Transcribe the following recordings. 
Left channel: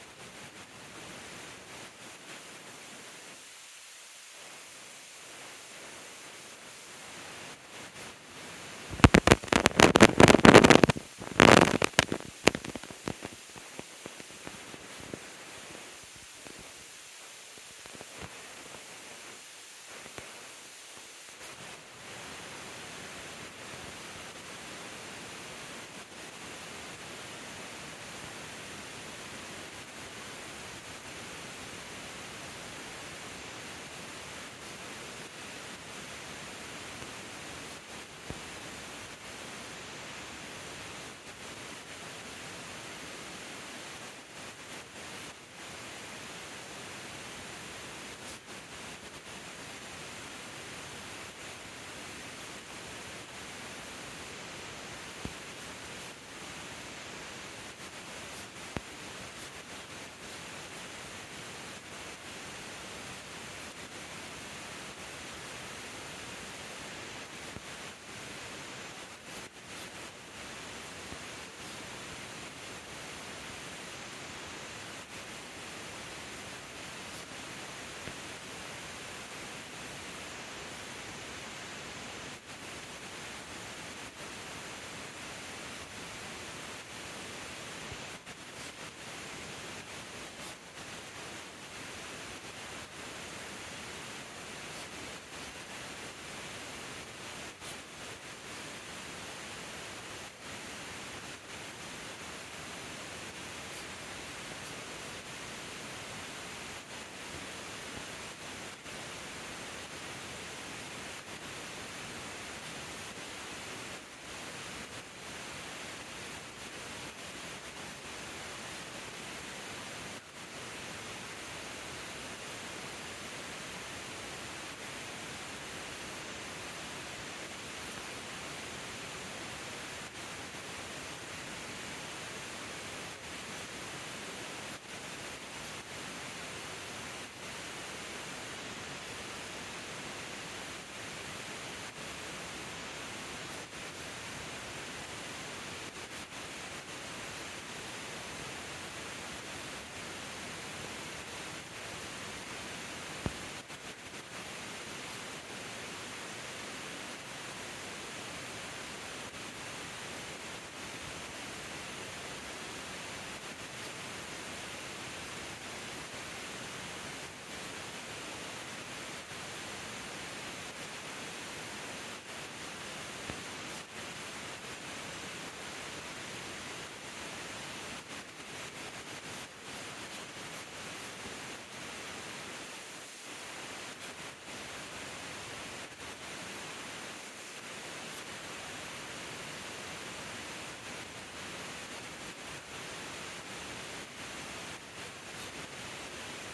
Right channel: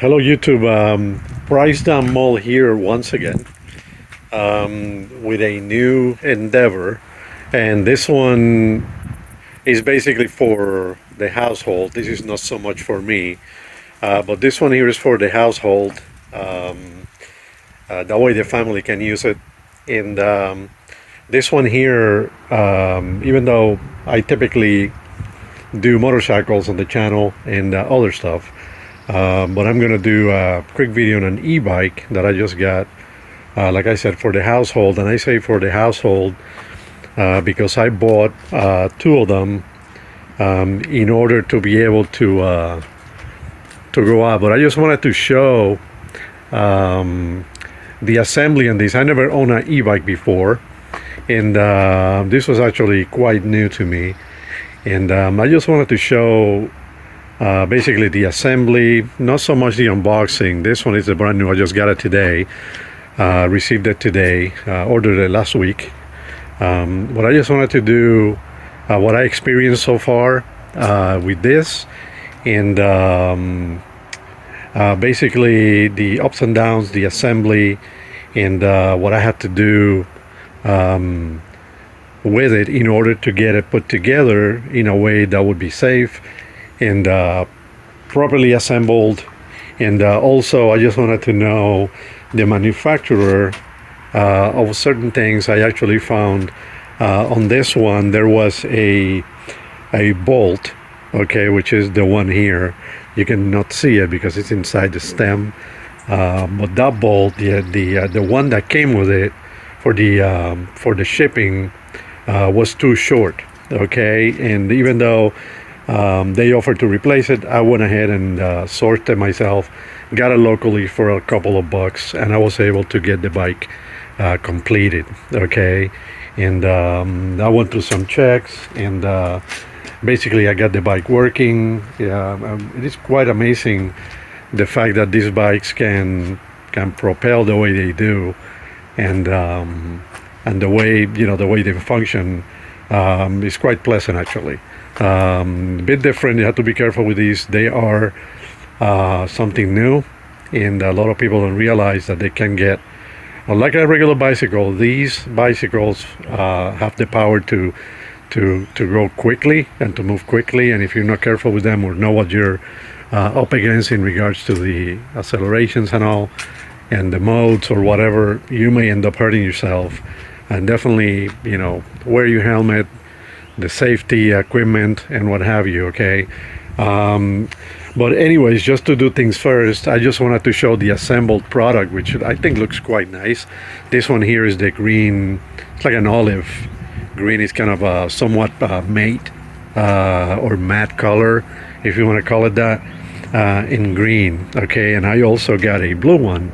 Hello YouTube, Price Down Mall here once again with a new endeavor, and this one is basically for the household. This is not so much for me, but this one here is for the household. That way the family can use it. And this one here, even though I typically do motorcycles on the channel and other stuff, but I'm gonna do a quick video on an e-bike that I just got, like I said, for the household. And I say for the household because I bought two of them in order to be able to go out. But I just wanted to show the assembly on this. I never owned an e-bike before, and this was actually quite new to me. And I just wanted to show basically the assembly, not so much the unboxing. This one is a brand new. I just got it today, received it today, ordered it last week. But I just wanted to do what I experienced so far with this, and basically the ups and downs, the assembly, and what I had to do with it in order to get it put together in a way that would be safe and properly assembled. And also I just wanted to know the manufacturer of certain things. I actually found on this one there was a bolt, okay, which is the one here. You cannot see it because it's inside the stem, but that bolt, the one that came with it for the shipping was too short, okay. And even though they offered to replace it, I went ahead and sourced it myself, got it locally for a couple of bucks, and I was able to get the bike completed, okay. And I went through some checks, and basically I got the bike working. It is quite amazing the fact that these bikes can propel the way they do, and the way, you know, the way they function is quite pleasant actually. A bit different. You have to be careful with these. They are something new, and a lot of people don't realize that they can get, like a regular bicycle, these bicycles have the power to go quickly and to move quickly. And if you're not careful with them or know what you're up against in regards to the accelerations and all, and the modes or whatever, you may end up hurting yourself. And definitely, you know, wear your helmet, the safety equipment, and what have you, okay. But anyways, just to do things first, I just wanted to show the assembled product, which I think looks quite nice. This one here is the green. It's like an olive green. It's kind of a somewhat matte or matte color, if you want to call it that, in green, okay. And I also got a blue one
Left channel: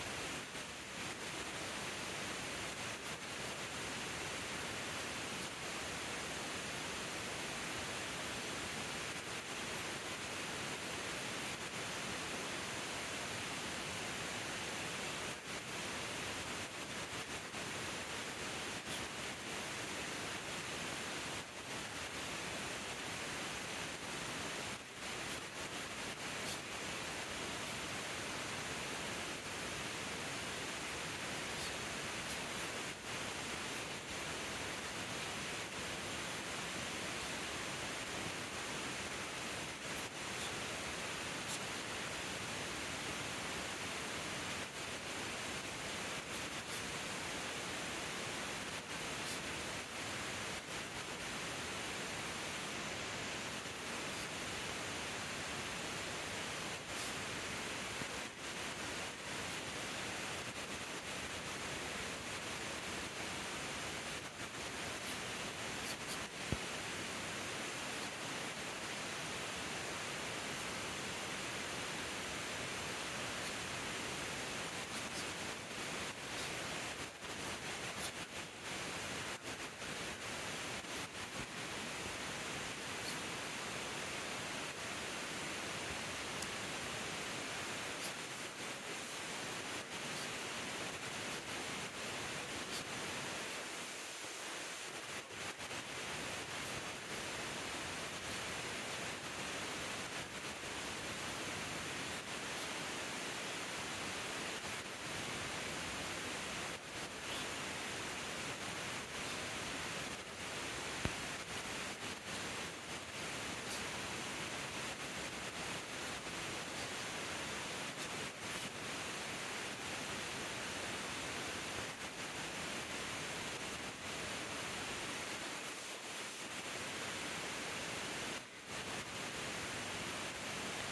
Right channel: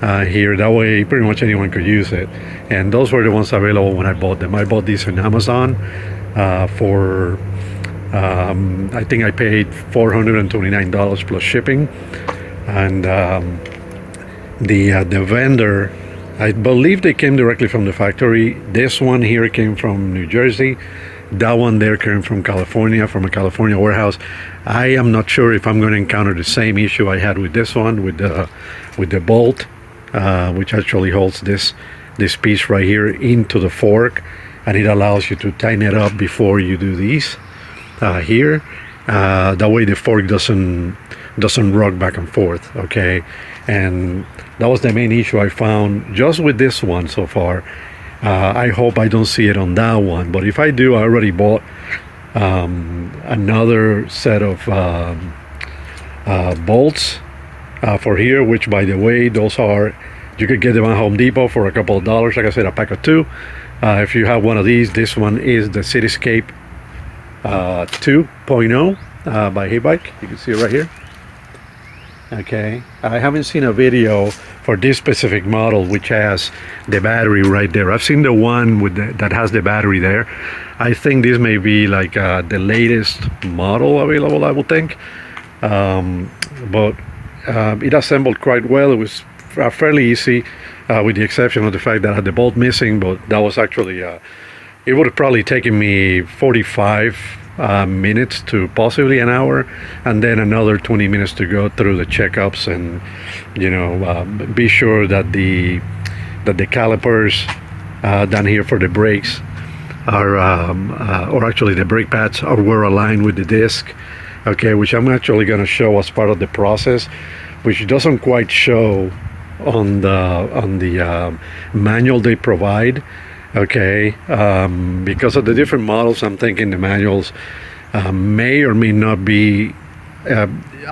here. That way pretty much anyone could use it. And those were the ones available when I bought them. I bought these on Amazon for I think I paid $429 plus shipping. And the vendor, I believe they came directly from the factory. This one here came from New Jersey. That one there came from California, from a California warehouse. I am not sure if I'm going to encounter the same issue I had with this one, with the bolt, which actually holds this piece right here into the fork, and it allows you to tighten it up before you do these here. That way the fork doesn't rock back and forth, okay. And that was the main issue I found just with this one so far. I hope I don't see it on that one, but if I do, I already bought another set of bolts for here, which, by the way, those are, you could get them at Home Depot for a couple of dollars. Like I said, a pack of two. If you have one of these, this one is the Cityscape 2.0 by HEYBIKE. You can see it right here. Okay, I haven't seen a video for this specific model, which has the battery right there. I've seen the one with that has the battery there. I think this may be like the latest model available, I would think. But it assembled quite well. It was fairly easy, with the exception of the fact that I had the bolt missing, but that was actually it would have probably taken me 45 minutes to possibly an hour, and then another 20 minutes to go through the checkups and be sure that the calipers down here for the brakes are or actually the brake pads were aligned with the disc, okay, which I'm actually going to show as part of the process, which doesn't quite show on the manual they provide, okay. Because of the different models, I'm thinking the manuals may or may not be I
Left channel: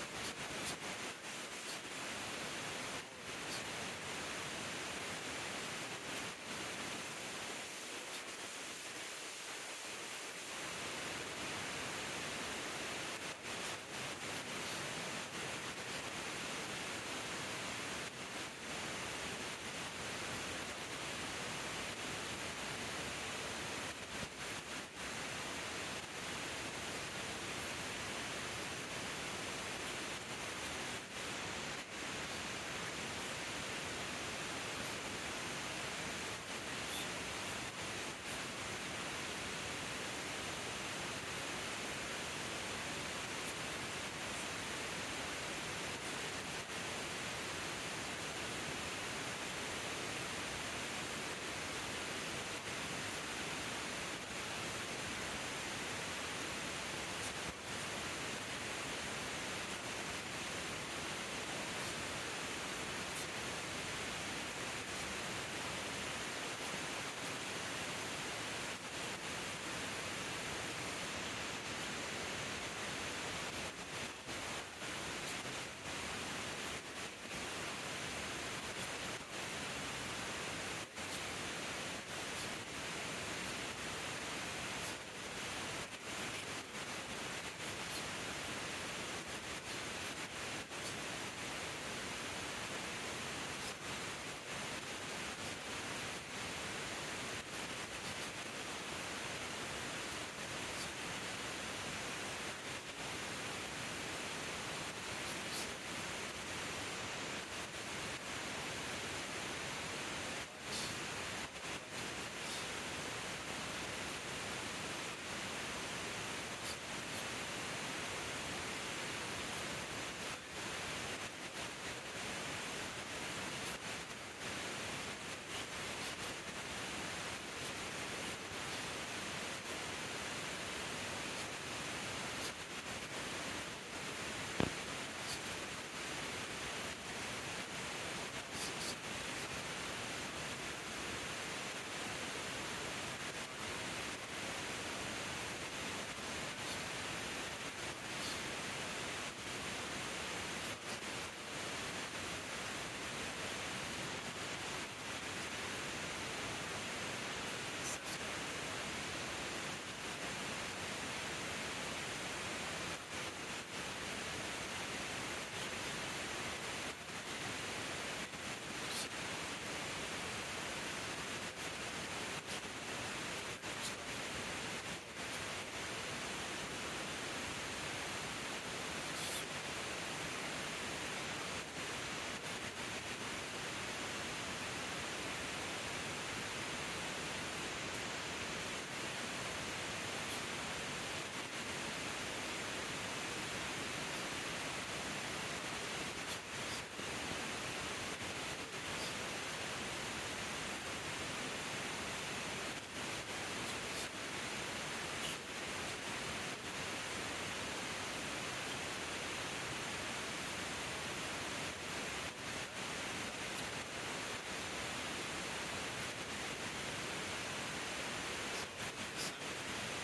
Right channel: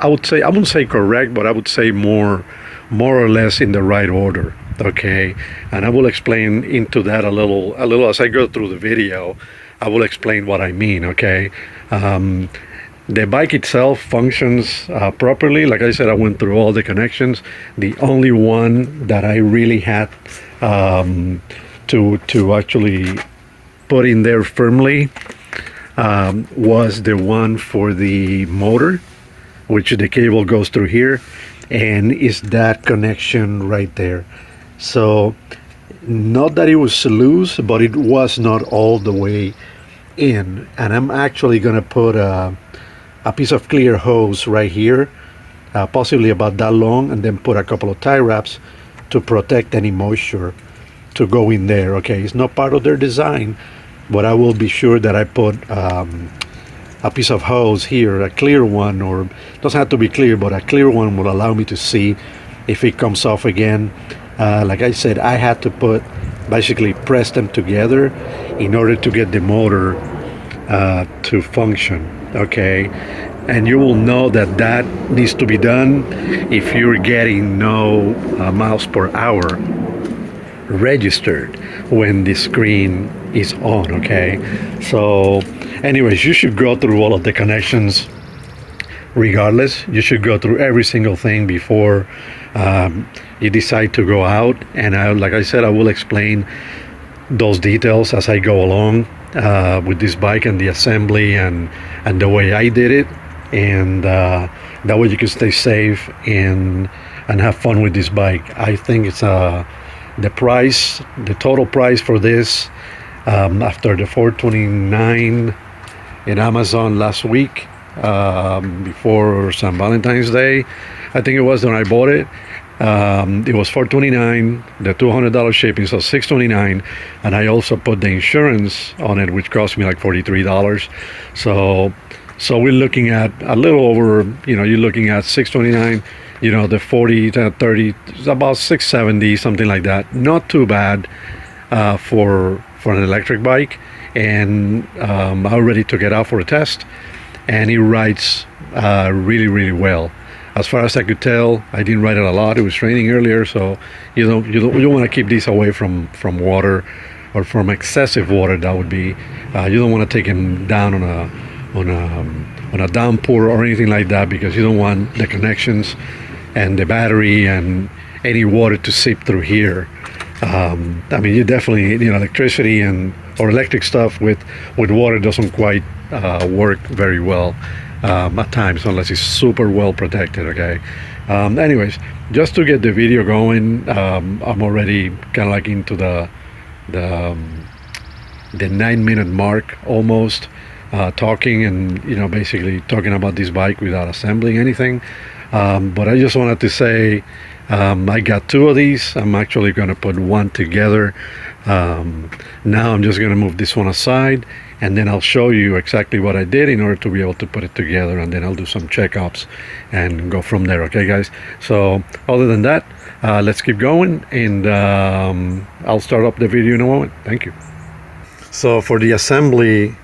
wouldn't say correct, but I would say more or less in the right order, okay. And I will explain into that a little as I go through the video. I will explain what I mean, okay. The bike itself functions properly. Like I said, I went through all the connections. The only one that I really had to actually put in there firmly was the one for the motor, which the cable goes through here, and is that connection right there. So not that it was loose, but it was not all the way in. And I'm actually gonna put a piece of clear hose right here, possibly about that long, and then put a couple of tie wraps to protect any moisture to go in there, okay. It's not part of their design, but I will be sure that I put a piece of hose here, a clear one, or doesn't have to be clear, but a clear one will allow me to see if it comes off again. Like I said, I had to basically press them together in order to get the motor to function, okay. And you will know that needs to be done if you're getting no miles per hour registered when the screen is on, okay. So anyways, you should go through all of the connections regardless. You should go through every single thing before you decide to go out. And like I said, I will explain those details as I go along with this bike and the assembly and the way I did it, and that way you can stay safe and have fun with this bike. I think it's the total price for this, after the $429 in Amazon last week, before St. Valentine's Day, I think it was when I bought it. It was $429, the $200 shipping, so $629, and I also put the insurance on it, which cost me like $43. So we're looking at a little over, you're looking at $629, the 40 to 30, about $670, something like that. Not too bad for an electric bike. And I already took it out for a test, and it rides really, really well. As far as I could tell, I didn't ride it a lot. It was raining earlier, so you don't want to keep these away from water, or from excessive water. That would be you don't want to take them down on a downpour or anything like that, because you don't want the connections and the battery and any water to seep through here. I mean, you definitely, electricity or electric stuff with water doesn't quite work very well at times, unless it's super well protected, okay. Anyways, just to get the video going, I'm already kind of like into the 9-minute mark almost, talking and basically talking about this bike without assembling anything. But I just wanted to say, I got 2 of these. I'm actually going to put one together. Now I'm just going to move this one aside, and then I'll show you exactly what I did in order to be able to put it together, and then I'll do some checkups and go from there, okay guys. So other than that, let's keep going, and I'll start up the video in a moment. Thank you. So for the assembly,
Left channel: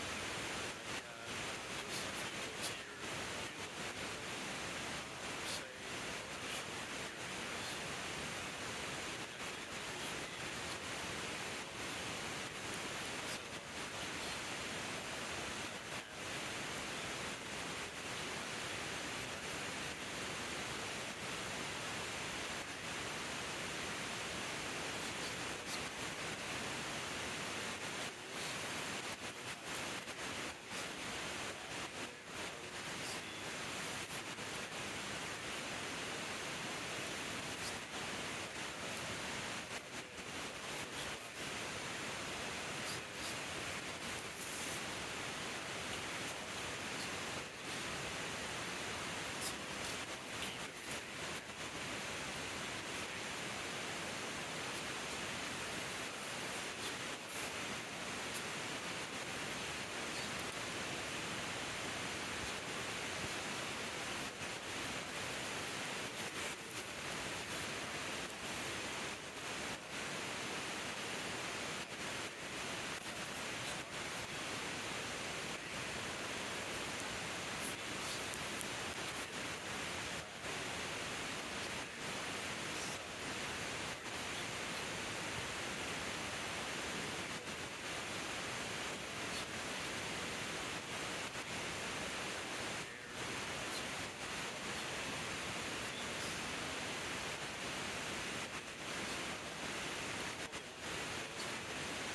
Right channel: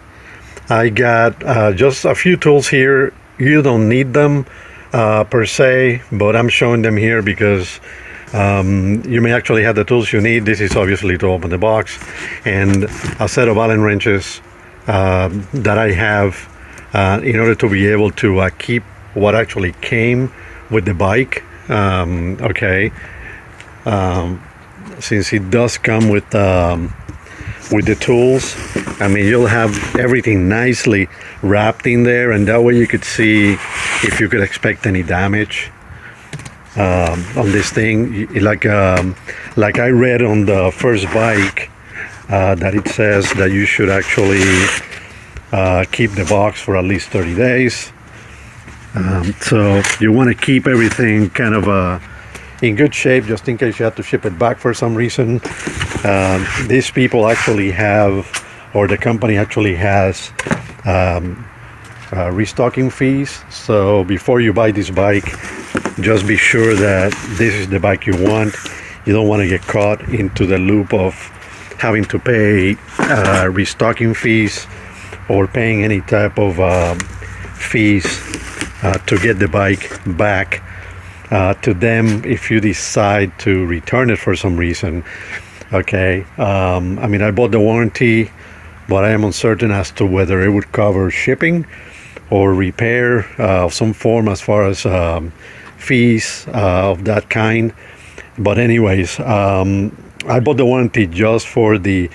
I got just a few tools here. You don't need them per se, but I'm showing them here because you may actually have the tools you need. This is obviously to open the box, and a set of Allen wrenches that I have in order to be able to keep what actually came with the bike, okay. Since it does come with the tools, I mean, you'll have everything nicely wrapped in there, and that way you could see if you could expect any damage on this thing. Like I read on the first bike that it says that you should actually keep the box for at least 30 days. So you want to keep everything kind of in good shape, just in case you have to ship it back for some reason. These people actually have, or the company actually has, restocking fees. So before you buy this bike, just be sure that this is the bike you want. You don't want to get caught into the loop of having to pay restocking fees or paying any type of fees to get the bike back to them if you decide to return it for some reason. Okay, I mean, I bought the warranty, but I am uncertain as to whether it would cover shipping or repair of some form as far as fees of that kind. But anyways, I bought the warranty just for the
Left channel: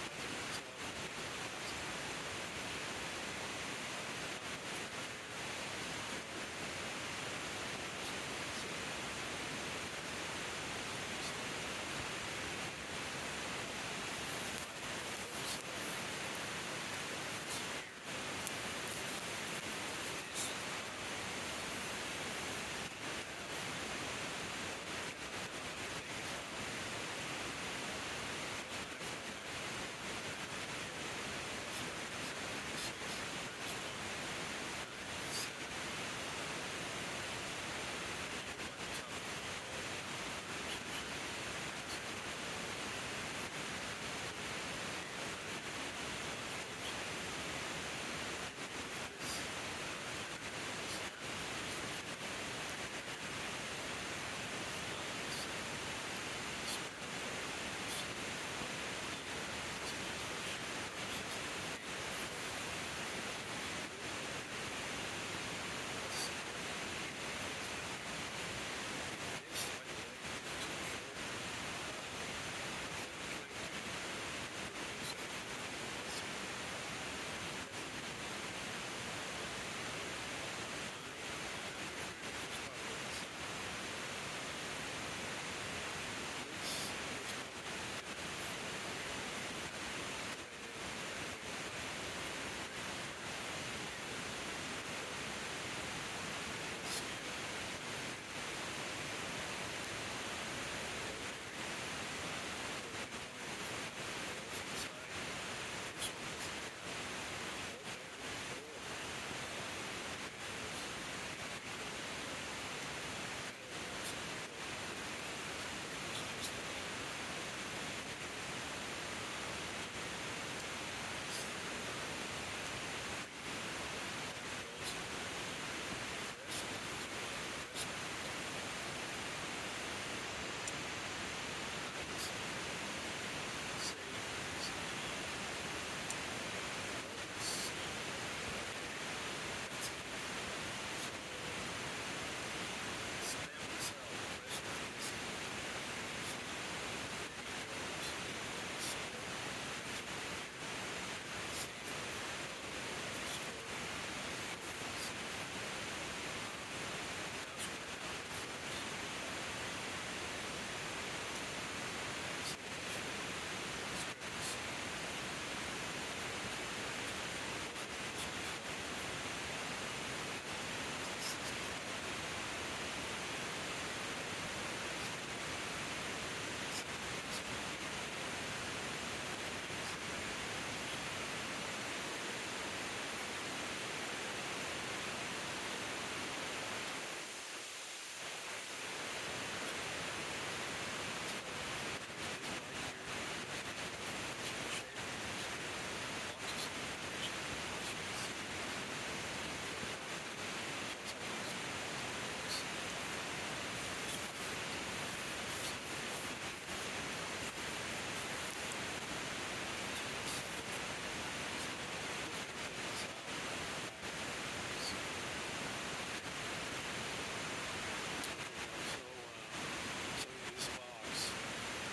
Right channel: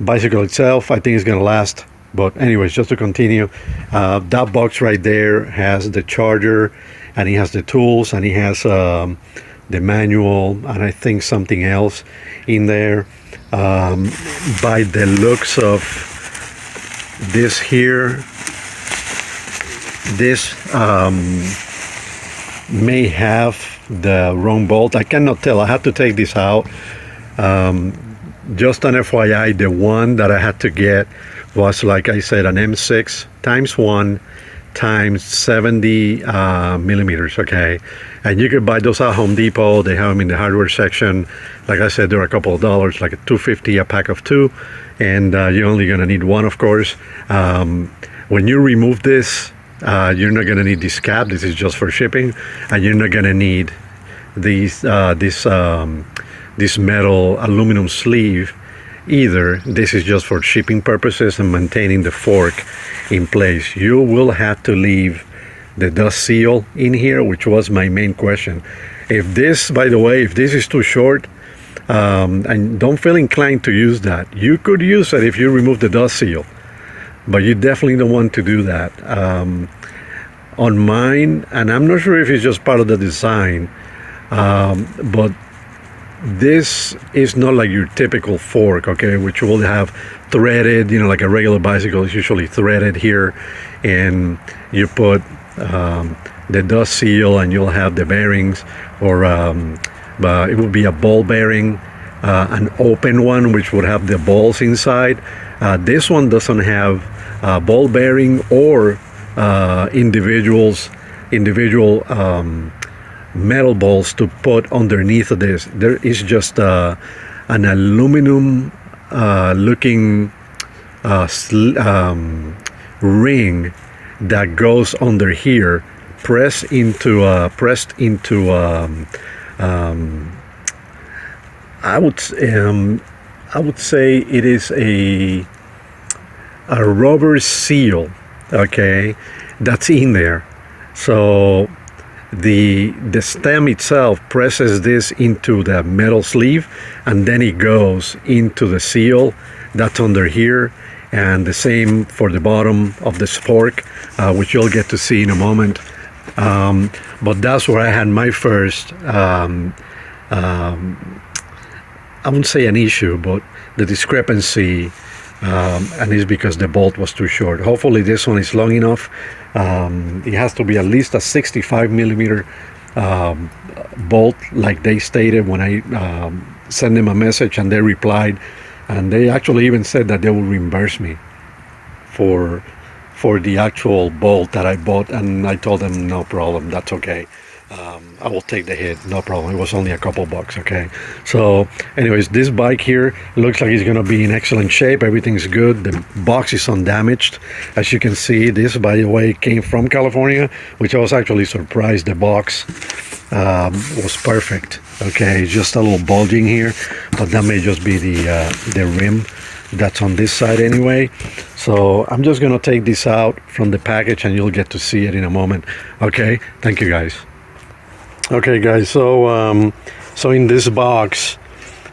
bicycle itself. I think it's gonna last. But anyways, just to continue, that box right there has the charger, and he has the tools, and he has the manual, and I think something else in there. By the looks of this here, this may have the wrong bolt. I cannot tell. I had to take this out. Just an FYI, the one that I had to get was, like I said, an M6 times 1 times 70 millimeters. Okay, and you can buy those at Home Depot. They have them in the hardware section. Like I said, they're a couple of dollars, like $2.50 a pack of 2, and you're only gonna need one, of course. When you remove this, you're not gonna need this cap. This is just for shipping, and you're not gonna need these this metal aluminum sleeve either. This is just for shipping purposes and maintaining the fork in place. You will have to leave the dust seal in here, which was my main question. If this, by the way, if this is too short, and don't feel inclined to use that, you could use it if you remove the dust seal, but you definitely don't want to do that. On mine, and I'm not sure if it's just part of the design, but this is not like your typical fork, okay, which will have threaded, you know, like a regular bicycle is usually threaded here, and you put the dust seal, and you'll have the bearings, or it would be a ball bearing, an open one which would have the balls inside. This one doesn't have ball bearing or individual metal balls to put underneath of this. There is just an aluminum looking ring that goes under here, pressed into I would say it is a rubber seal, okay, that's in there. So the stem itself presses this into the metal sleeve, and then it goes into the seal that's under here, and the same for the bottom of the fork, which you'll get to see in a moment. But that's where I had my first I wouldn't say an issue, but the discrepancy, and it's because the bolt was too short. Hopefully this one is long enough. It has to be at least a 65 millimeter bolt, like they stated when I sent them a message, and they replied, and they actually even said that they will reimburse me for the actual bolt that I bought, and I told them no problem, that's okay. I will take the hit, no problem. It was only a couple bucks, okay? So anyways, this bike here looks like it's gonna be in excellent shape. Everything's good. The box is undamaged. As you can see, this, by the way, came from California, which I was actually surprised. The box was perfect, okay? Just a little bulging here, but that may just be the rim that's on this side anyway. So I'm just gonna take this out from the package, and you'll get to see it in a moment. Okay, thank you guys. Okay guys, so so in this box,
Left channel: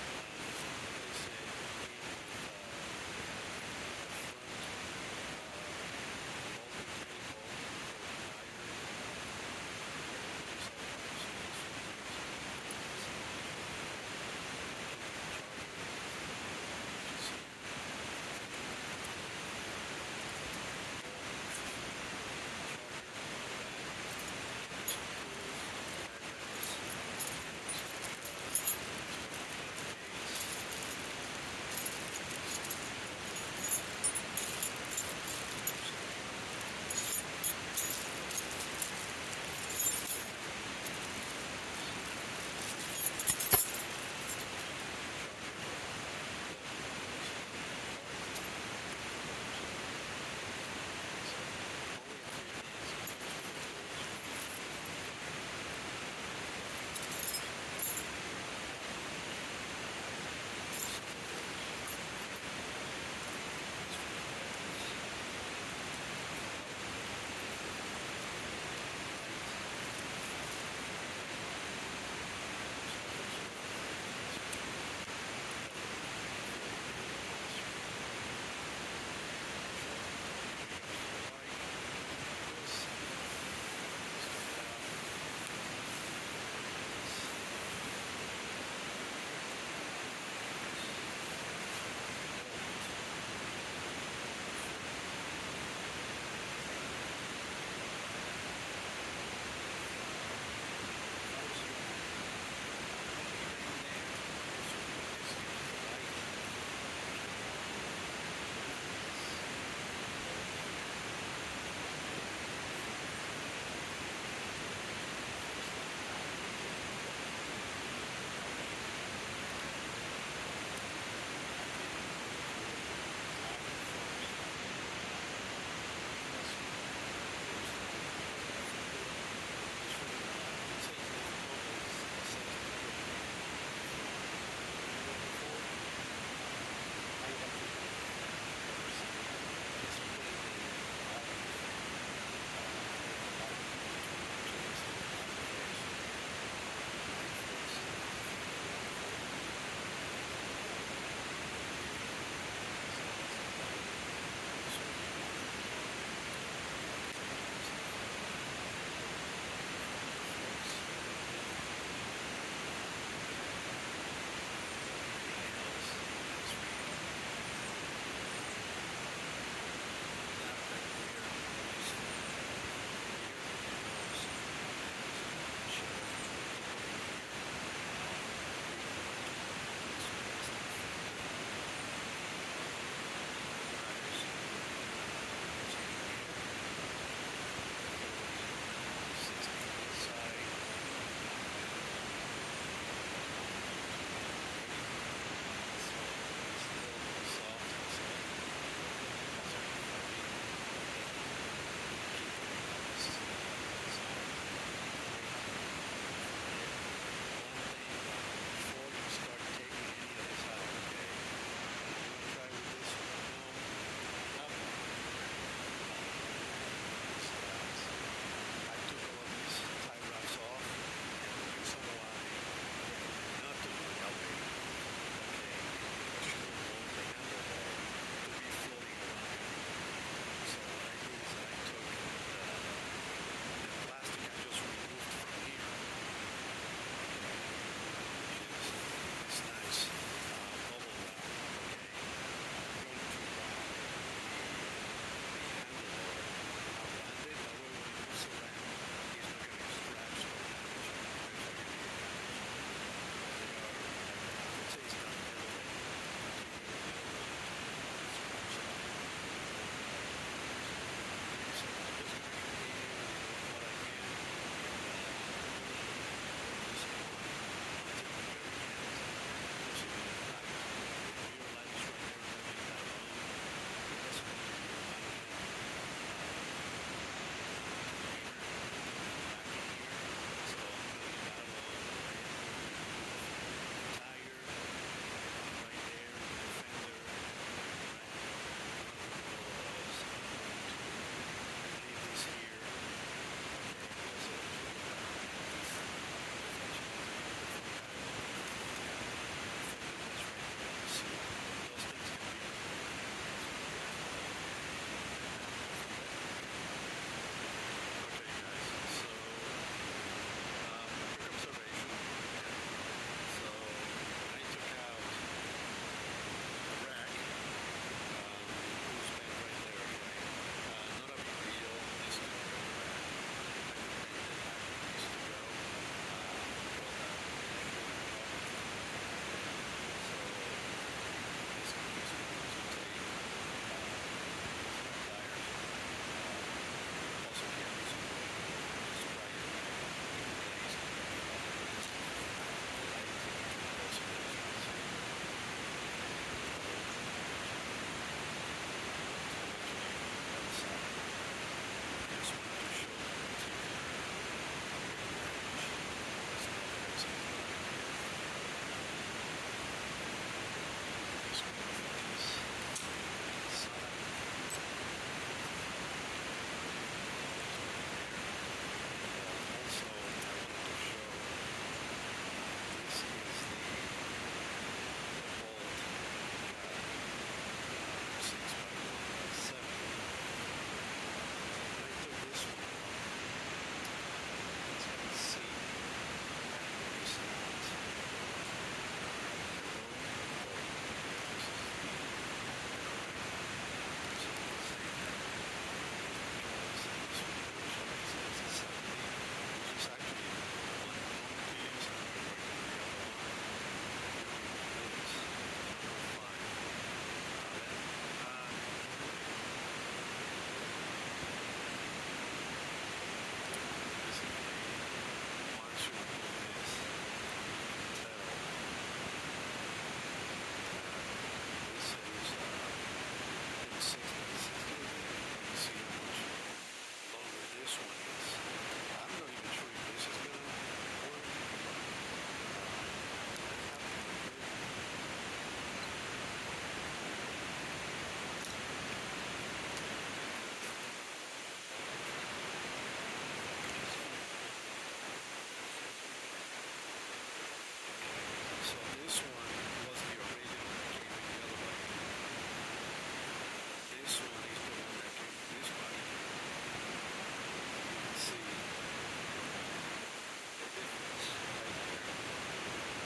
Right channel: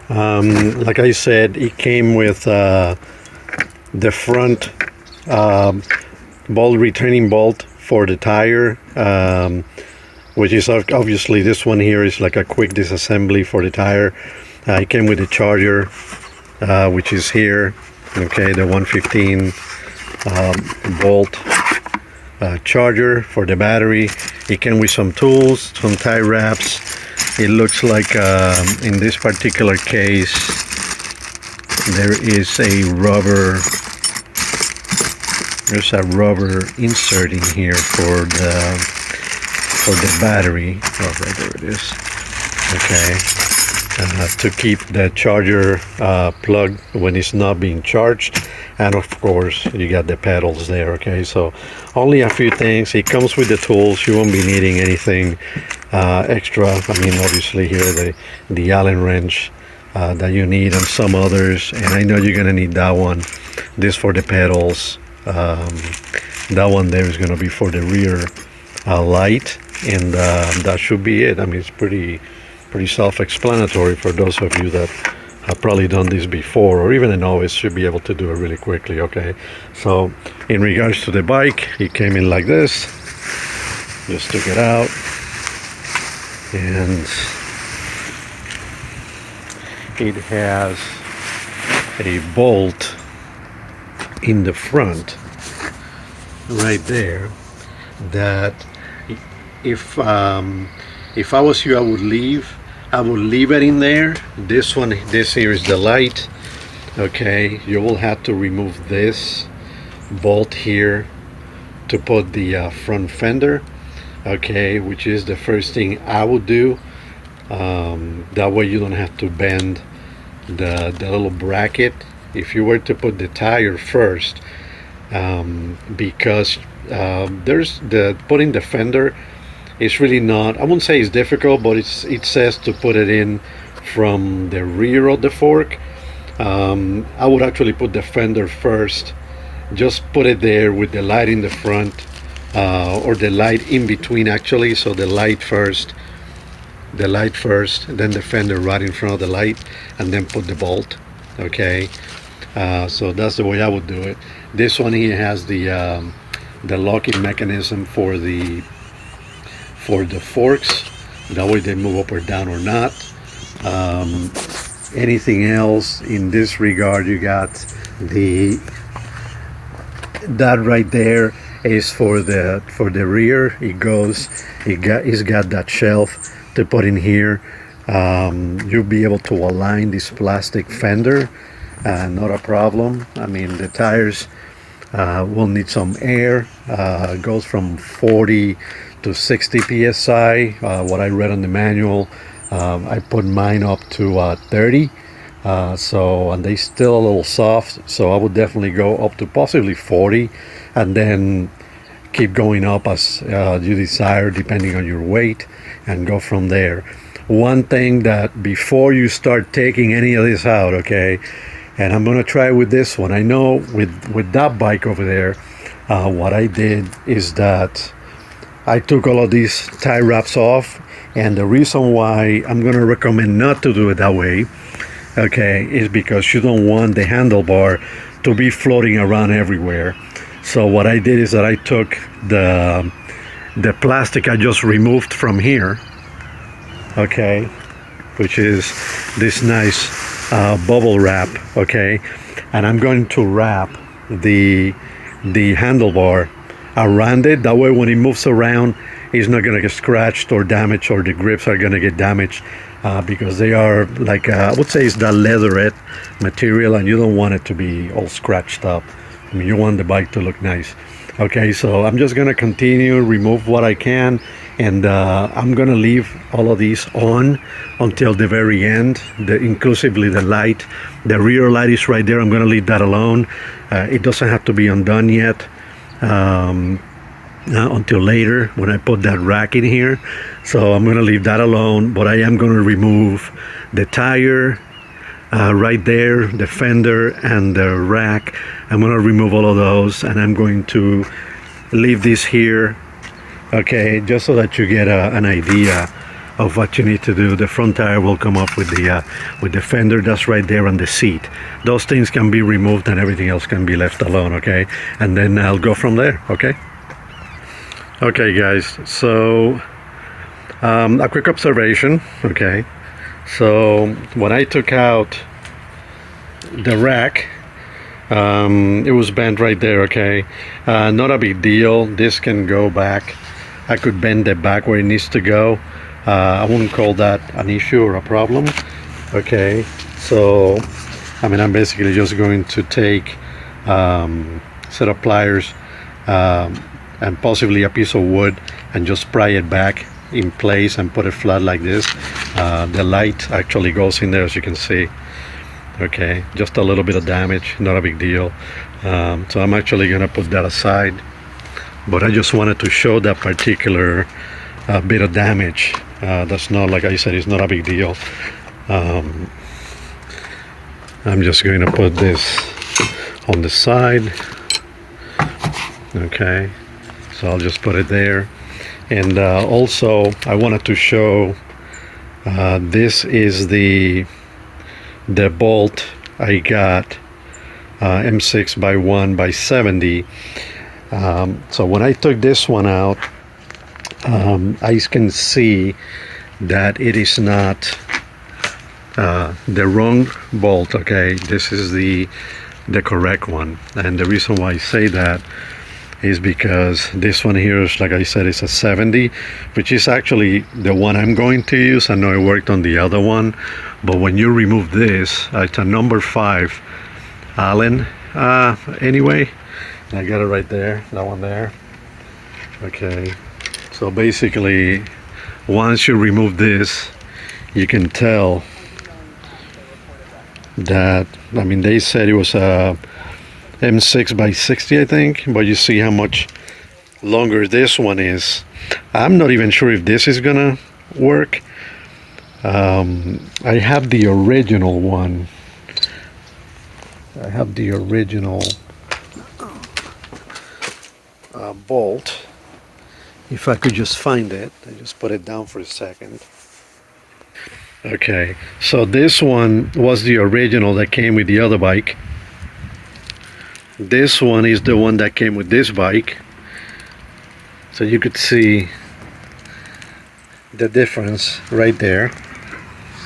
like I said, it came with the front bolt, returning bolt for the tire, which is obviously this one here is like a quick disassembly for the tire. It came with the charger, which is here, okay, the 115 bolt charger for the battery. It came with some tools, some tie wraps. It looks like in this particular case there is a rubber, there's a rubber insert in here for the battery. Oh, right there it is. Okay, to keep the charger plugged when it's not being charged. And of course you got the pedals there. Okay, so only a few things. It comes with the tools. You won't be needing anything extra. I mean, obviously here the Allen wrench that you need, and some others, and I know you're gonna need that one. This for the pedals. That one there is gonna be for the rear light, and that should be it. I mean, it's pretty self-explanatory for those of you that have probably done this before, or even a novice should be able to do it really quickly. Okay, so in regards to the bike, it came in like this. Just took it out, and it has a bolt in the front right there that if I was you, I would leave it in there. This here is the light. Okay, you will have to remove this bolt here to put the front fender. Okay, which is the first thing I would do. That way you don't have to bend the little bracket. If you were to put the tire first, because there's putting the fender, it's really not, I wouldn't say it's difficult, but it says to put it in from the rear of the fork. I would actually put the fender first, just put it there with the light in the front, or the light in between actually. So the light first, then the fender right in front of the light, and then put the bolt. Okay, so that's the way I would do it. This one here has the locking mechanism for the forks. That way they move up or down or not. Anything else in this regard, you got that right there is for the rear. It's got that shelf to put in here. You'll be able to align this plastic fender, not a problem. I mean, the tires will need some air. It goes from 40 to 60 psi. What I read on the manual, I put mine up to 30. And they still a little soft, so I would definitely go up to possibly 40, and then keep going up as you desire depending on your weight, and go from there. One thing that before you start taking any of this out, okay, and I'm gonna try with this one. I know with that bike over there, what I did is that I took all of these tie wraps off, and the reason why I'm gonna recommend not to do it that way, okay, is because you don't want the handlebar to be floating around everywhere. So what I did is that I took the plastic I just removed from here, okay, which is this nice bubble wrap, okay, and I'm going to wrap the handlebar around it. That way when it moves around, it's not going to get scratched or damaged, or the grips are going to get damaged, because they are like, I would say it's that leatherette material, and you don't want it to be all scratched up. I mean, you want the bike to look nice. Okay, so I'm just going to continue, remove what I can, and I'm going to leave all of these on until the very end, inclusively the light. The rear light is right there. I'm going to leave that alone. It doesn't have to be undone yet. Until later when I put that rack in here. So I'm going to leave that alone, but I am going to remove the tire right there, the fender, and the rack. I'm going to remove all of those, and I'm going to leave this here, okay, just so that you get an idea of what you need to do. The front tire will come up with the fender that's right there on the seat. Those things can be removed, and everything else can be left alone, okay? And then I'll go from there, okay? Okay guys, so a quick observation, okay? So when I took out the rack, It was bent right there. Okay, not a big deal. This can go back. I could bend it back where it needs to go. I wouldn't call that an issue or a problem. Okay, so I mean, I'm basically just going to take set of pliers and possibly a piece of wood and just pry it back in place and put it flat like this. The light actually goes in there, as you can see. Okay, just a little bit of damage, not a big deal. So I'm actually gonna put that aside, but I just wanted to show that particular bit of damage. That's not, like I said, it's not a big deal. I'm just going to put this on the side. Okay, so I'll just put it there. And also I wanted to show this is the bolt I got, M6 by 1 by 70. So when I took this one out, I can see that it is not the wrong bolt. Okay, this is the correct one, and the reason why I say that is because this one here is, like I said, it's a 70, which is actually the one I'm going to use. I know it worked on the other one, but when you remove this, it's a number 5 Allen. Anyway, I got it right there, that one there. Okay, so basically once you remove this, you can tell that, I mean, they said it was a M6 by 60, I think, but you see how much longer this one is. I'm not even sure if this is gonna work. I have the original one. I have the original bolt. If I could just find it and just put it down for a second. Okay, so this one was the original that came with the other bike. This one is the one that came with this bike. So you could see the difference right there.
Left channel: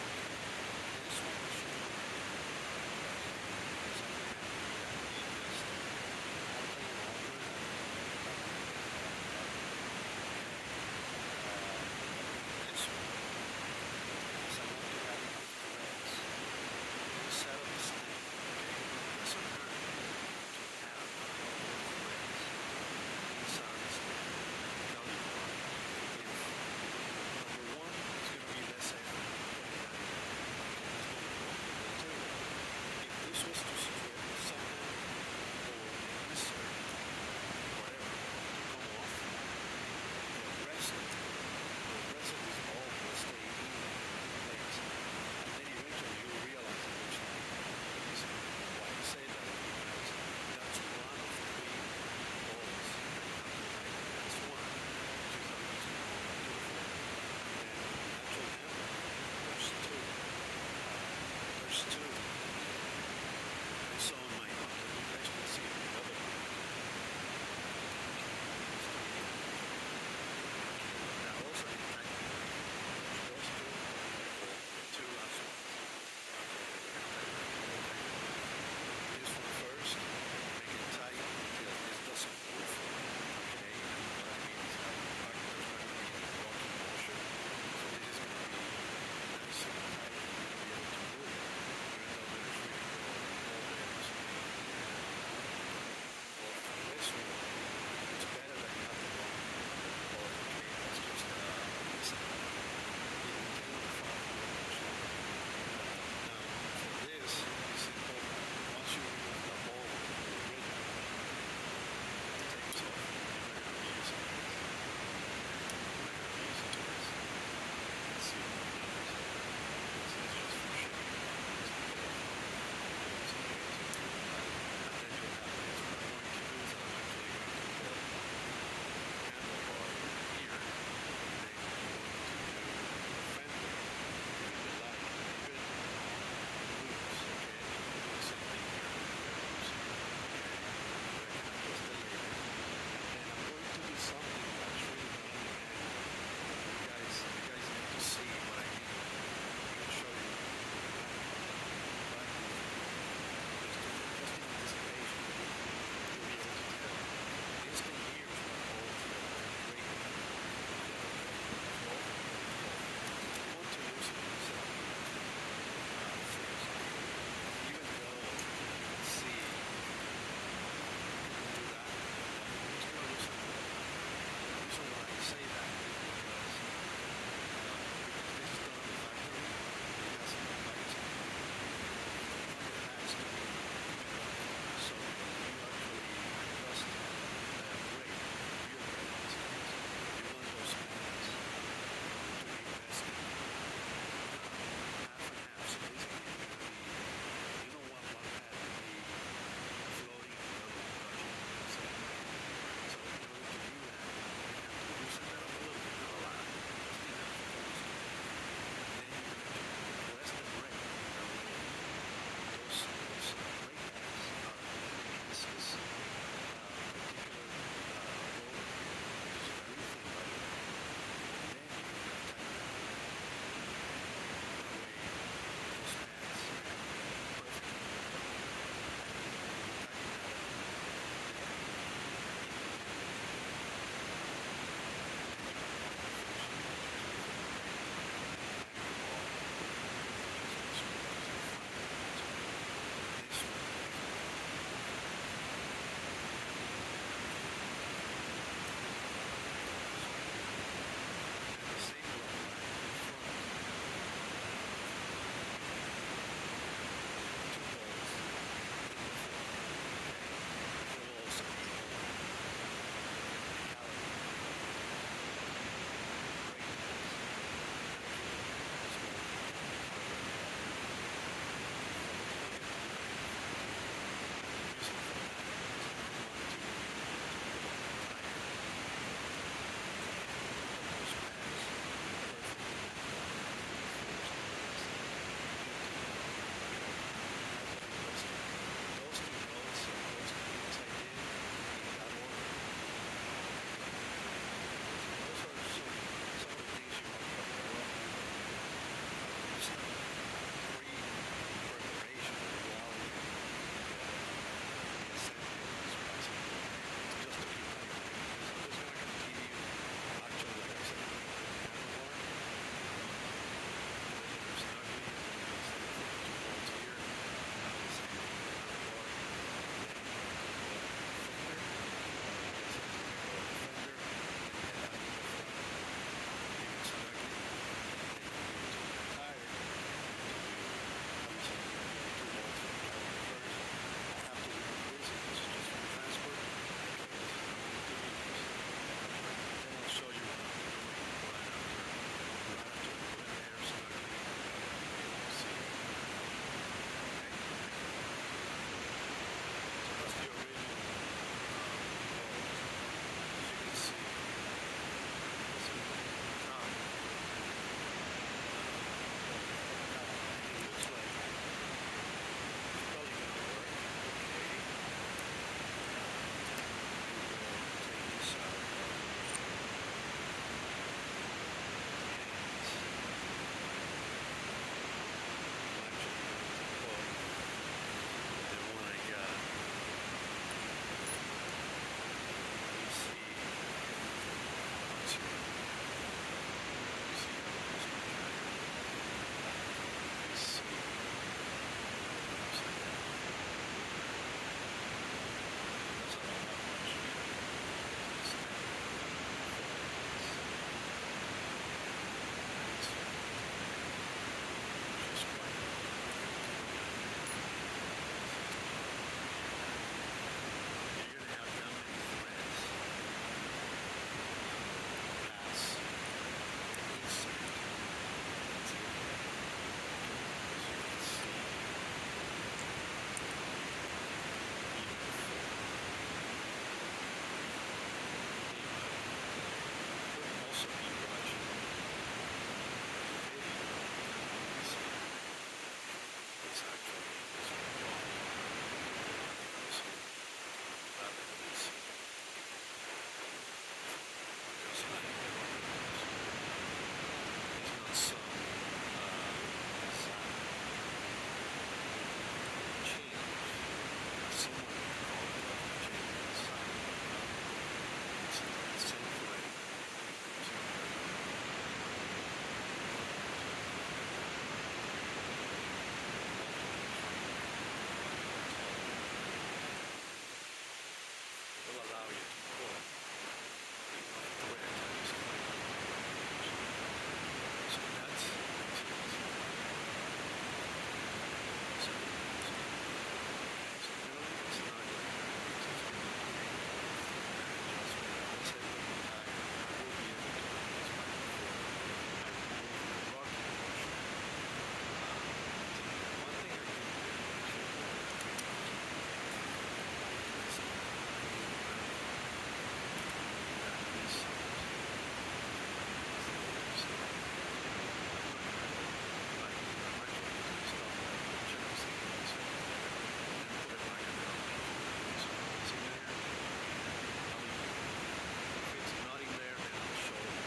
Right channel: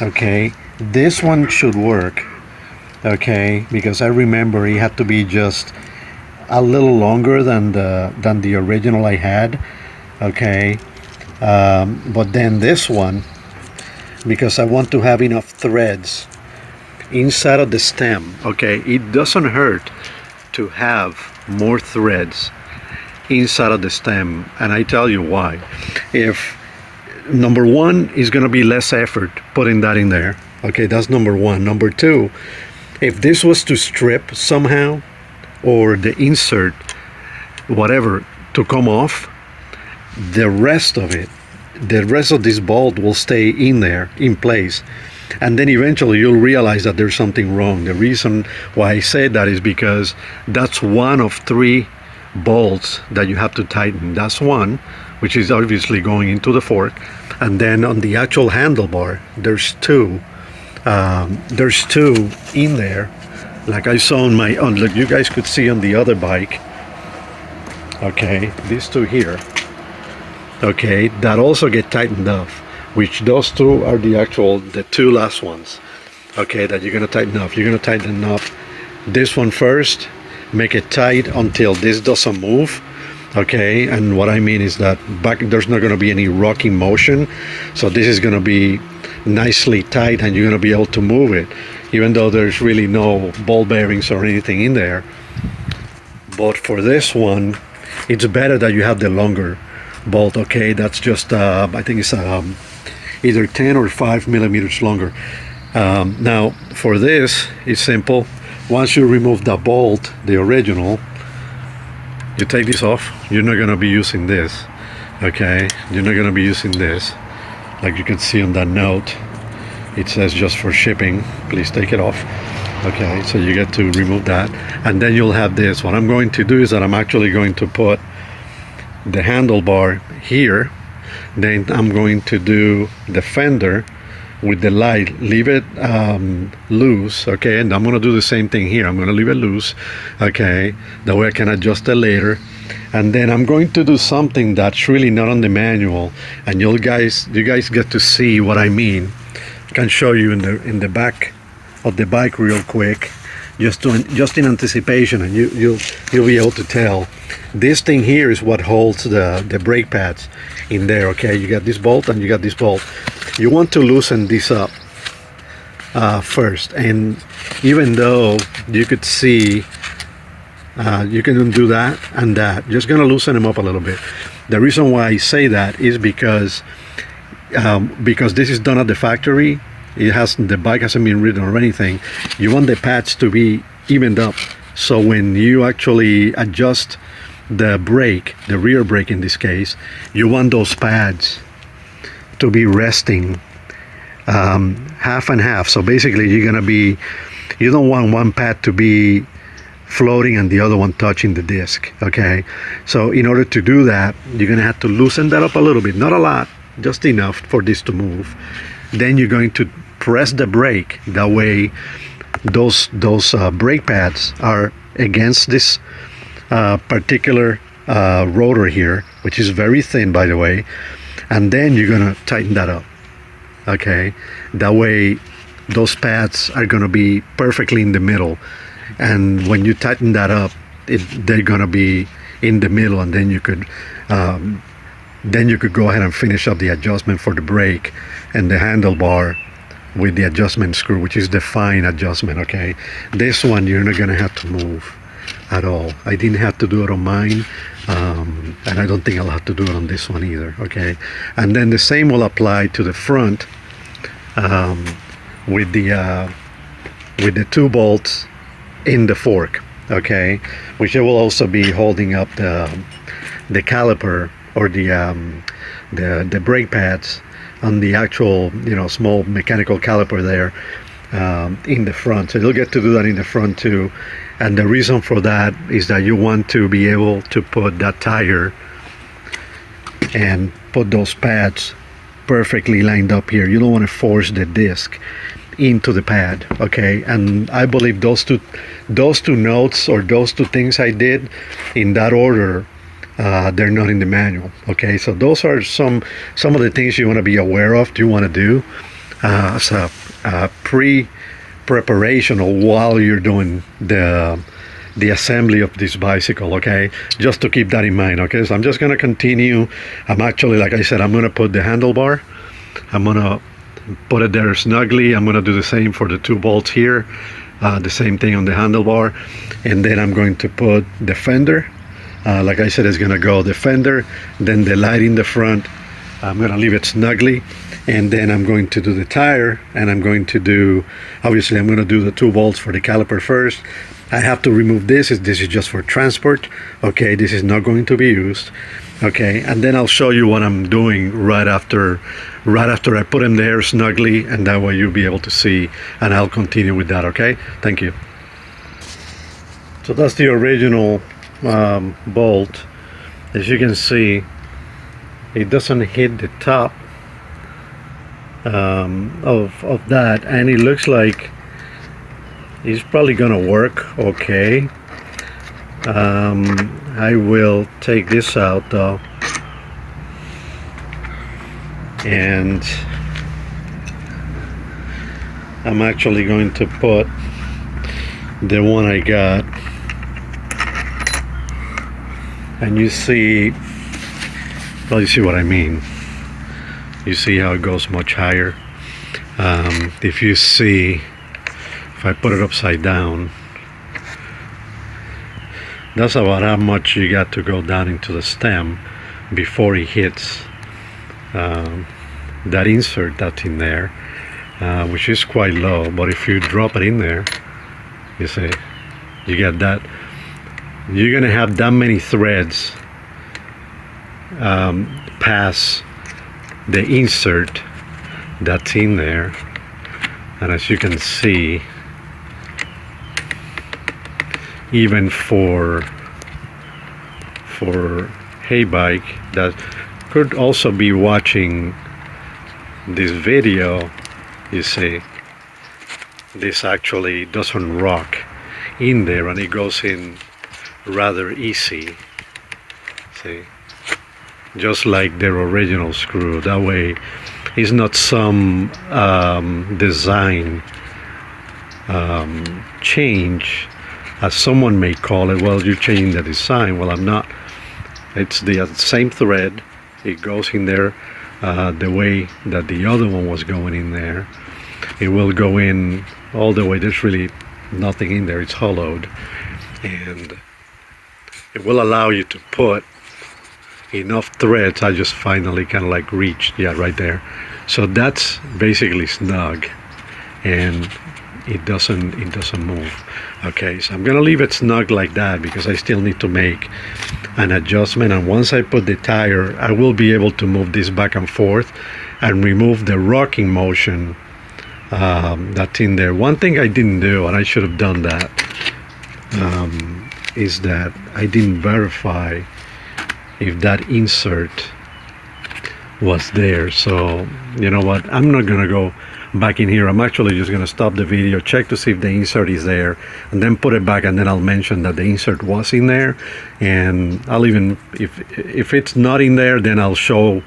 Okay, this one should work. Okay, because I remember it had to be just a little longer than the original I had. Okay, but then this one, because I want to have enough threads inside of the stem. Okay, it doesn't hurt to have more threads inside of the stem, and I tell you why. If number one is going to be less effort putting that in there. Okay, that's number one. Number two, if this was to strip somehow, or the insert, whatever, to come off, the rest of it, the rest of this bolt will stay in there, in place. And then eventually you'll realize that there's something wrong. The reason why I say that is because that's one of 3 bolts that you have to tighten. That's one, which is obviously going into the fork. And then on the actual handlebar, there's 2. There's 2 in there, like I saw on my, look, you guys could see on the other bike. Okay, these 2 here. Okay, that also get tightened up, which those 2 are the 2 last ones. Okay, that you're gonna tighten up. You're gonna tighten up this one first, make it tight until this doesn't move. Okay, and what I mean is that back there's not gonna be any rocking motion, so this is gonna be nicely tight and you're gonna be able to move it, even though there's really no ball bearings or anything in there. But for this one, it's better that you have the longer bolt. Okay, that's just I think it's either 10 or 5 millimeters longer. Now for this, it's simple. Once you remove the bolt, the original, you take this off. You're not going to be using this. Okay, you're not going to be using this. Like you can see on that note, it says just for shipping, please take it off. Okay, so you get to remove that, and then you'll have this. What I'm going to do is that I'm actually going to put the handlebar here, then I'm going to do the fender with the light, leave it loose. Okay, and I'm going to do the same thing here. I'm going to leave it loose. Okay, that way I can adjust it later. And then I'm going to do something that's really not on the manual, and you guys get to see what I mean. I can show you in the back of the bike real quick. just in anticipation, and you'll be able to tell. This thing here is what holds the brake pads in there. Okay, you got this bolt and you got this bolt. You want to loosen this up first, and even though you could see you can do that and that, just gonna loosen them up a little bit. The reason why I say that is because this is done at the factory. The bike hasn't been ridden or anything. You want the pads to be evened up, so when you actually adjust the brake, the rear brake in this case, you want those pads to be resting half and half. So basically you don't want one pad to be floating and the other one touching the disc. Okay, so in order to do that, you're gonna have to loosen that up a little bit, not a lot, just enough for this to move. Then you're going to press the brake. That way those brake pads are against this particular rotor here, which is very thin, by the way, and then you're gonna tighten that up. Okay, that way those pads are gonna be perfectly in the middle, and when you tighten that up, they're gonna be in the middle, and then you could go ahead and finish up the adjustment for the brake and the handlebar with the adjustment screw, which is the fine adjustment. Okay, this one you're not gonna have to move at all. I didn't have to do it on mine, and I don't think I'll have to do it on this one either. Okay, and then the same will apply to the front with the 2 bolts in the fork. Okay, which will also be holding up the caliper or the brake pads on the actual small mechanical caliper there in the front. So you'll get to do that in the front too. And the reason for that is that you want to be able to put that tire and put those pads perfectly lined up here. You don't want to force the disc into the pad. Okay, and I believe those two notes or those two things I did in that order, they're not in the manual. Okay, so those are some of the things you want to be aware of, you want to do as a preparation or while you're doing the assembly of this bicycle. Okay, just to keep that in mind. Okay, so I'm just going to continue. I'm actually, like I said, I'm going to put the handlebar, I'm going to put it there snugly. I'm going to do the same for the 2 bolts here, the same thing on the handlebar, and then I'm going to put the fender. Like I said, it's going to go the fender, then the light in the front. I'm going to leave it snugly, and then I'm going to do the tire, and I'm going to do, obviously I'm going to do the 2 bolts for the caliper first. I have to remove this is just for transport. Okay, this is not going to be used. Okay, and then I'll show you what I'm doing right after I put them there snugly, and that way you'll be able to see, and I'll continue with that. Okay, thank you. So that's the original bolt. As you can see, it doesn't hit the top of that, and it looks like it's probably gonna work okay. I will take this out though, and I'm actually going to put the one I got, and you see, well, you see what I mean. You see how it goes much higher. If you see, if I put it upside down, that's about how much you got to go down into the stem before it hits that insert that's in there, which is quite low. But if you drop it in there, you see, you get that. You're gonna have that many threads pass the insert that's in there, and as you can see, even for HEYBIKE that could also be watching this video, you see, this actually doesn't rock in there, and it goes in rather easy. See, just like their original screw. That way it's not some design change, as someone may call it. Well, you're changing the design. Well, I'm not. It's the same thread. It goes in there the way that the other one was going in there. It will go in all the way. There's really nothing in there. It's hollowed, and it will allow you to put enough threads. I just finally kind of like reached, yeah, right there. So that's basically snug, and it doesn't move. Okay, so I'm gonna leave it snug like that because I still need to make an adjustment, and once I put the tire, I will be able to move this back and forth and remove the rocking motion that's in there. One thing I didn't do, and I should have done that, is that I didn't verify if that insert was there. So you know what, I'm not gonna go back in here. I'm actually just gonna stop the video, check to see if the insert is there, and then put it back, and then I'll mention that the insert was in there. And I'll even, if it's not in there, then I'll show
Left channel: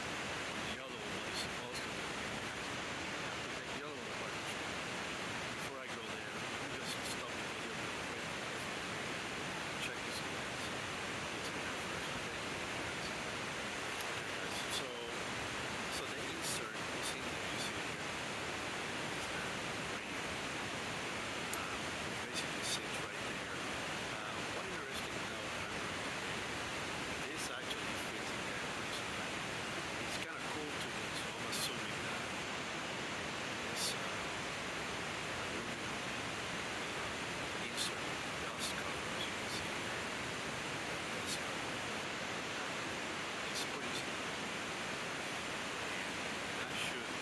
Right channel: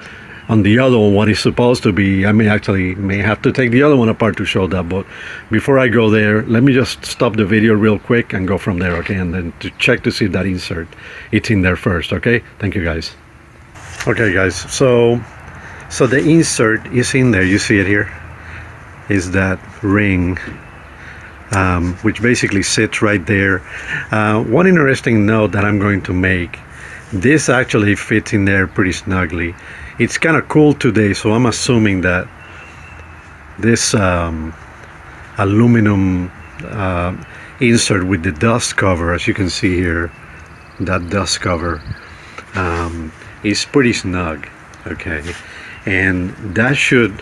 on the other one what it's supposed to be. I may have to take the other one apart to show that, but before I go there, let me just stop the video real quick and go from there, okay? And then to check to see if that insert, it's in there first, okay? Thank you, guys. Okay, guys, so the insert is in there. You see it here, is that ring, which basically sits right there. One interesting note that I'm going to make, this actually fits in there pretty snugly. It's kind of cool today, so I'm assuming that this aluminum insert with the dust cover, as you can see here, that dust cover is pretty snug, okay? And that should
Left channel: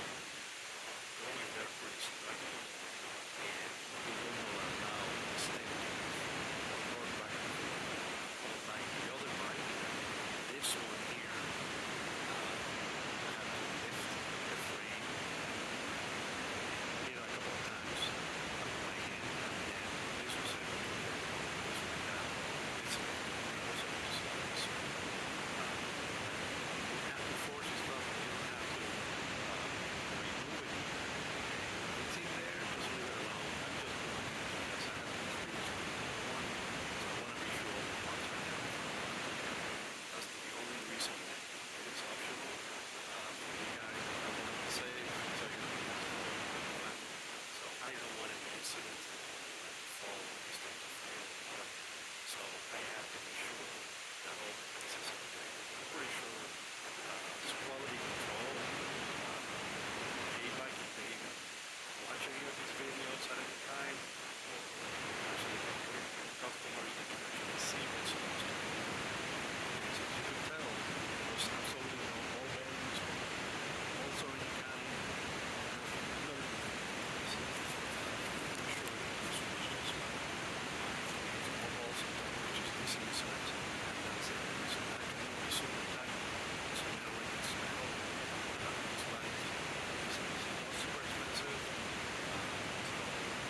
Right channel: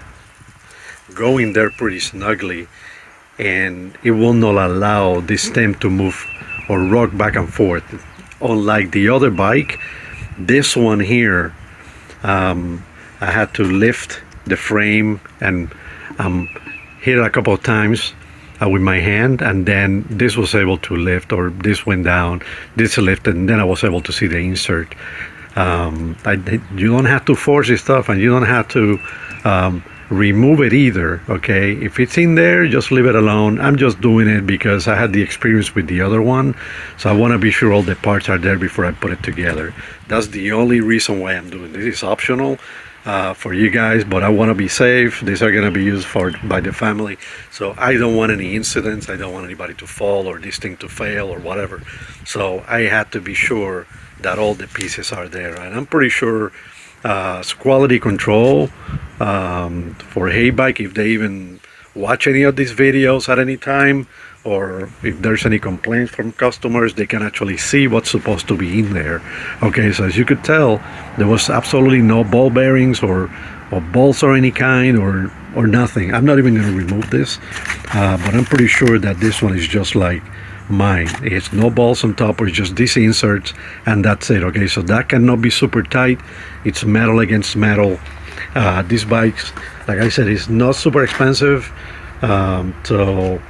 go in there pretty snugly, and it will not allow this stem to move or rock back and forth. Unlike the other bike, this one here, I had to lift the frame and hit it a couple of times with my hand, and then this was able to lift, or this went down, this lifted, and then I was able to see the insert. You don't have to force this stuff, and you don't have to remove it either, okay? If it's in there, just leave it alone. I'm just doing it because I had the experience with the other one, so I want to be sure all the parts are there before I put it together. That's the only reason why I'm doing this. It's optional for you guys, but I want to be safe. These are going to be used by the family, so I don't want any incidents. I don't want anybody to fall or this thing to fail or whatever. So I had to be sure that all the pieces are there, and I'm pretty sure quality control for HEYBIKE, if they even watch any of these videos at any time, or if there's any complaints from customers, they can actually see what's supposed to be in there. Okay, so as you could tell, there was absolutely no ball bearings or bolts or any kind, or nothing. I'm not even going to remove this, but I'm pretty sure that this one is just like mine. It's no balls on top, or it's just these inserts, and that's it. Okay, so that cannot be super tight. It's metal against metal. These bikes, like I said, is not super expensive, so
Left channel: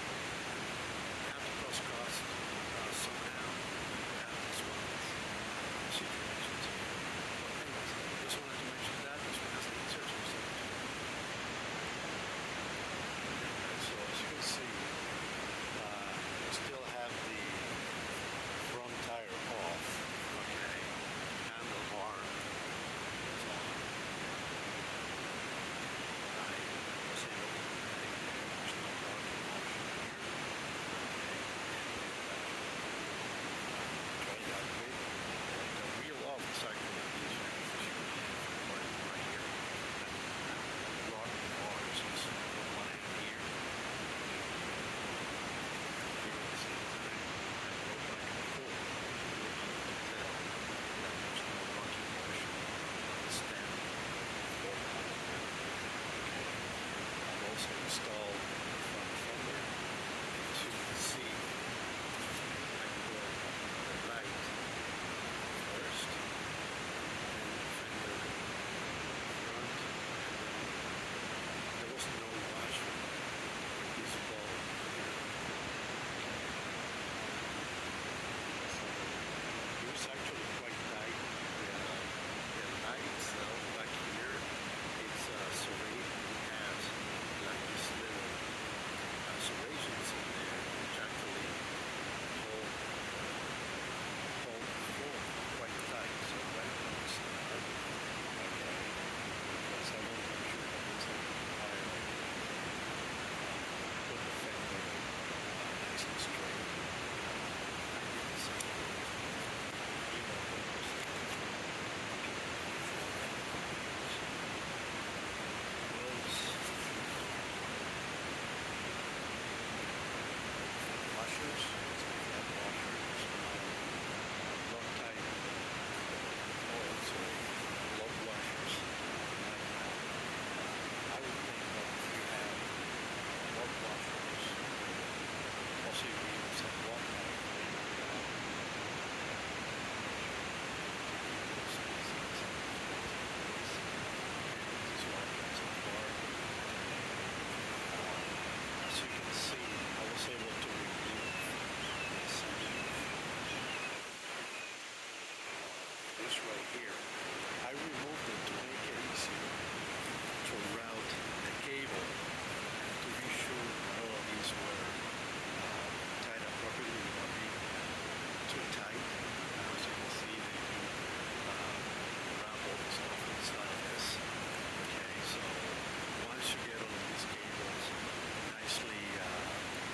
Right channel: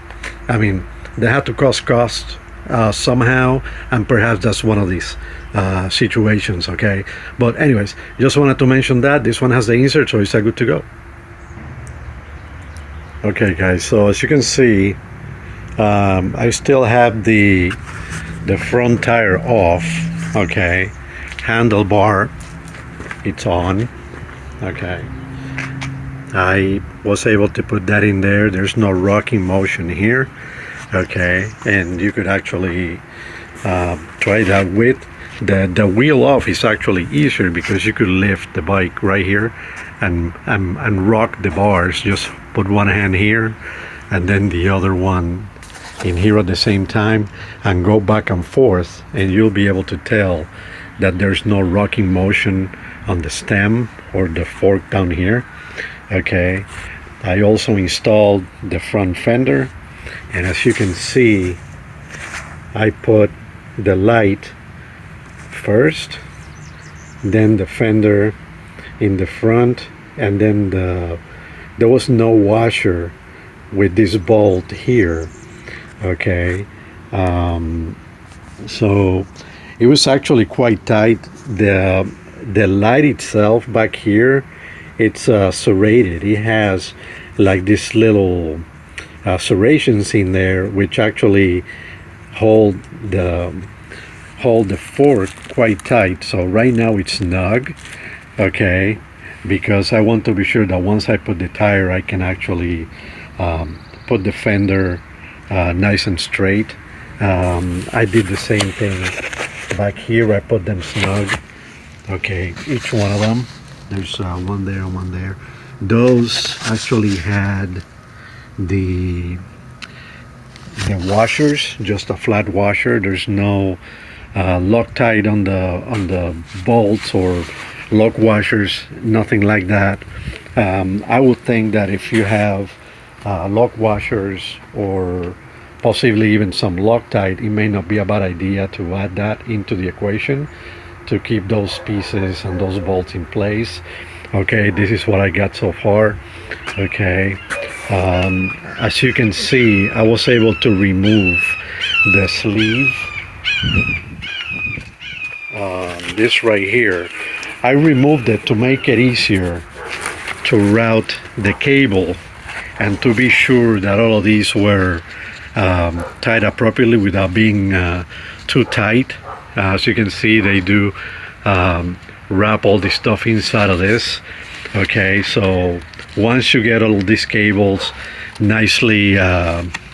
I mean, they have to cost somehow, and perhaps that's one of these situations, okay? But anyways, just wanted to mention that this one has the insert, so it's good to go. Okay, guys, so as you can see, I still have the front tire off, okay? Handlebar, it's on, okay? I was able to put that in there. There's no rocking motion here, okay? And you could actually try that with the wheel off. Is actually easier because you could lift the bike right here and rock the bars. Just put one hand here and then the other one in here at the same time, and go back and forth, and you'll be able to tell that there's no rocking motion on the stem or the fork down here. Okay, I also installed the front fender, and as you can see, I put the light first, then the fender in the front, and then there was no washer with this bolt here, okay? So it was actually quite tight. The light itself back here, it's serrated. It has like this little serrations in there which actually hold the fork quite tight. So right now it's snug, okay, because I want to be sure that once I put the tire I can actually put the fender nice and straight. I did the same thing back here. I put them snug, okay, each one of them. There's one there and one there. Those actually had the washers, just a flat washer. There's no Loctite on the bolts or lock washers, nothing like that. I would think that if you have lock washers or possibly even some Loctite, it may not be a bad idea to add that into the equation to keep those pieces and those bolts in place. Okay, this is what I got so far. Okay, as you can see, I was able to remove the sleeve. This right here, I removed it to make it easier to route the cable and to be sure that all of these were tied appropriately without being too tight. As you can see, they do wrap all this stuff inside of this. Okay, so once you get all these cables nicely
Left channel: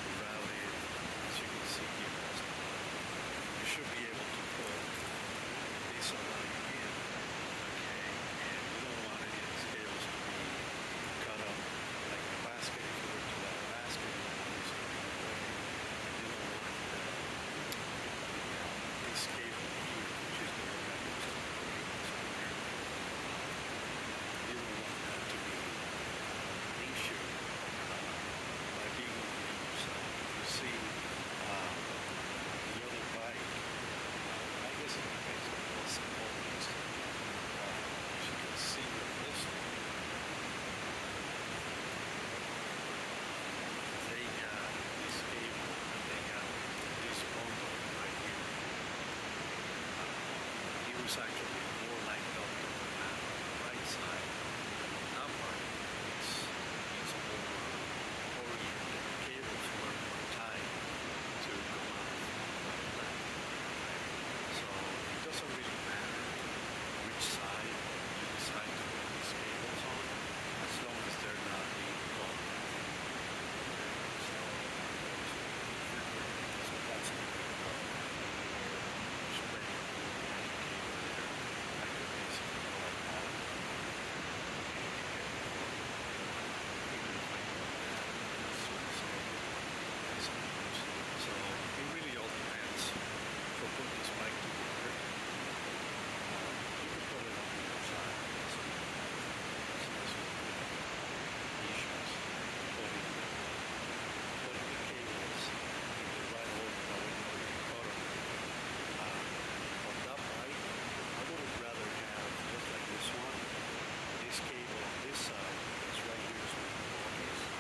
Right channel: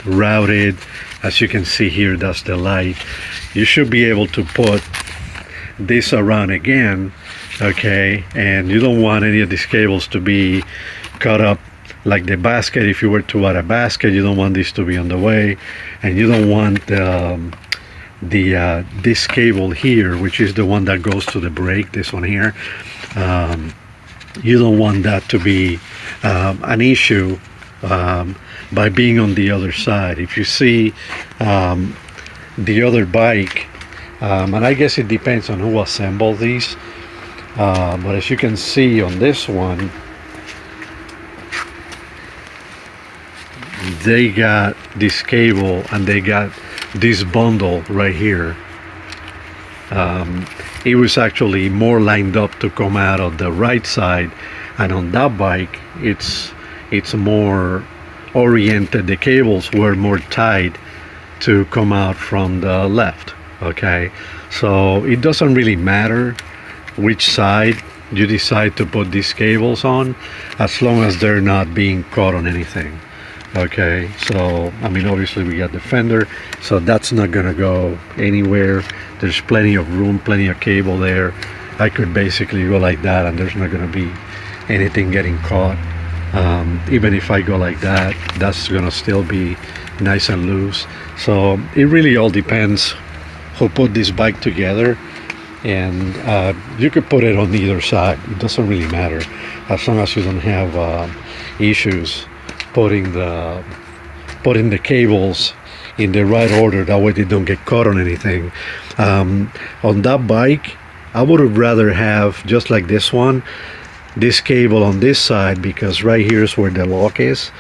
routed, as you can see here, that's the light, you should be able to put this around again. Okay, and you don't want any of these cables to be cut up like the basket. If you were to add a basket, you don't want this to be on the way, and you don't want this cable here, which is the one that goes to the brake, this one here, you don't want that to be an issue by being on the other side. If you see the other bike, and I guess it depends on who assembled these, but as you can see on this one, they got this cable and they got this bundle right here. It was actually more lined up to come out of the right side, and on that bike it's more oriented. The cables were more tied to come out from the left. Okay, so it doesn't really matter which side you decide to put these cables on, as long as they're not being caught on anything. Okay, so I mean, obviously we got the fender, so that's not gonna go anywhere. There's plenty of room, plenty of cable there. I could basically go like that and there's not gonna be anything getting caught. Even if I go like that, that's gonna still be nice and loose. So it really all depends who put this bike together, and you could put it on either side. It doesn't really matter, as long as you don't have issues putting the cables in the right order. That way they don't get caught on anything. On that bike, I would have rather have, just like this one, this cable on this side, because right here is where the lock is,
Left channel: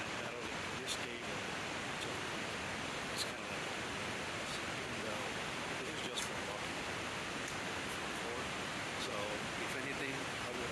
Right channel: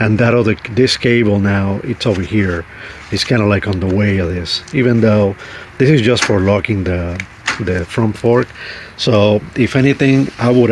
and this cable now, it's over here. It's kind of like on the way of this, even though this is just for locking the front fork. So if anything, I would